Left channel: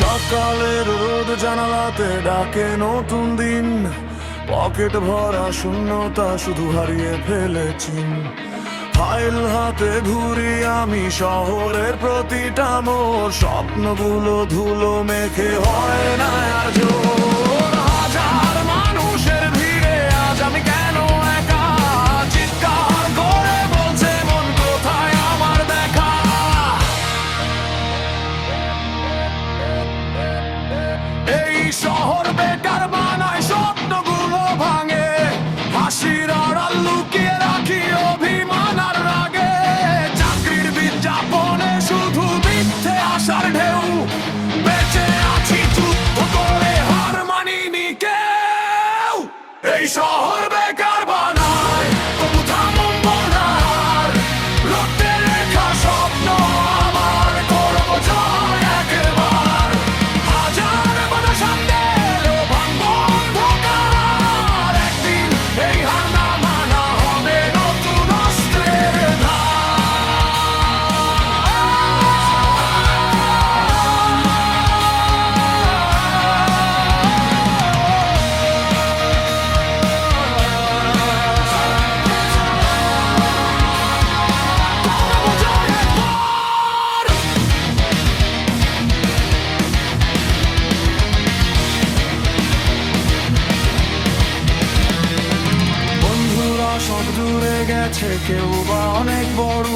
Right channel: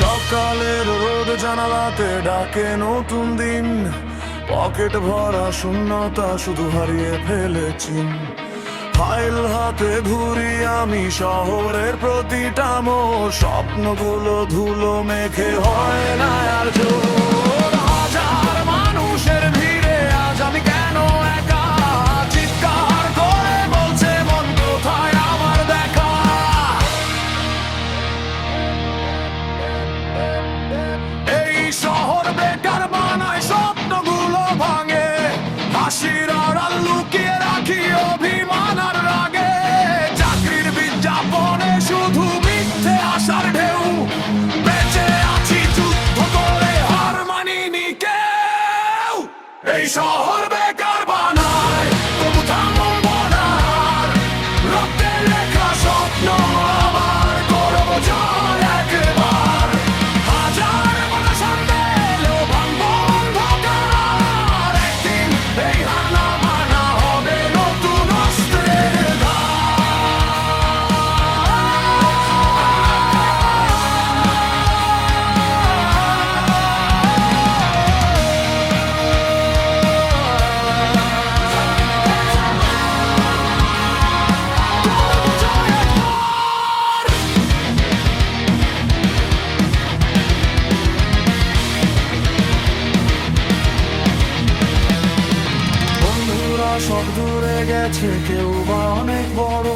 সকালের রোদ জানালাতে ডাকে নতুন দিন, পকেট ভরা শূন্যতা শুধু হারিয়ে ফেলেছি। ফাইল হাতে ঘুরি আমি শহরের প্রতিটা মোড়, স্বপ্নগুলো ধুলো মেখে হয় না আর জোর। হাজার মানুষের ভিড়ে আজ আমি কেন একা, চিৎকার করে বলছে মন কোথায় আমার দেখা। এই শহর বেকার বানায়, স্বপ্নগুলো ভাঙে, হাসির আড়াল লুকিয়ে রাখি অভিমান আর রাগে। চাকরির বিজ্ঞাপনে শুধু মিথ্যে আশার ঢেউ, বেঁচে আছি যুদ্ধ করে হার মানিনি কেউ। এই শহর বেকার বানায়, তবু থামবো না আর, রক্তে লেখা স্বপ্ন আমার করব জয় একবার। হাজার বাধা সামনে এলেও ভাঙবো অন্ধকার, একদিন এই হার না মানা হবে নতুন অস্ত্রের ধার। করব জয় একবার। বন্ধুরা সব দূরে গেছে, কেউ বা অনেক বড়,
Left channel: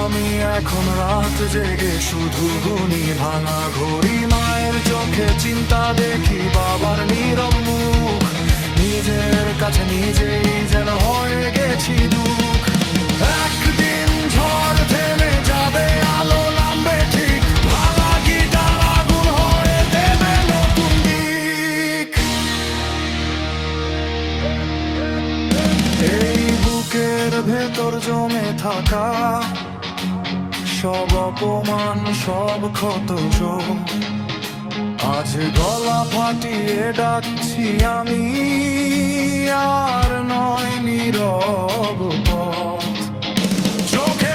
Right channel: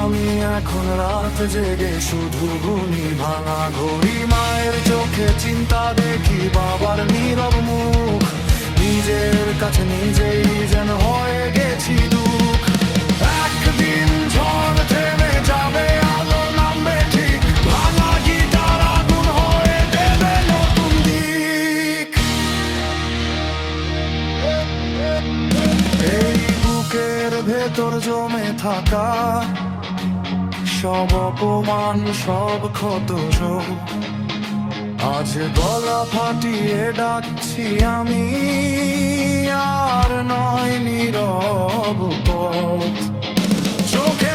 আমি এখন রাত জেগে শুধু গুনি ভাঙা ঘড়ি। মায়ের চোখে চিন্তা দেখি, বাবার নীরব মুখ, নিজের কাছে নিজেই যেন হয়ে গেছি দুঃখ। একদিন ঝড় থেমে যাবে, আলো নামবে ঠিক, ভাঙা গিটার আগুন হয়ে দেবে নতুন দিক। এই বুকের ভেতর জমে থাকা সব অপমান, সব ক্ষত সব, আজ গলা ফাটিয়ে ডাকছি আমি, আর নয় নীরব পথ। চোখে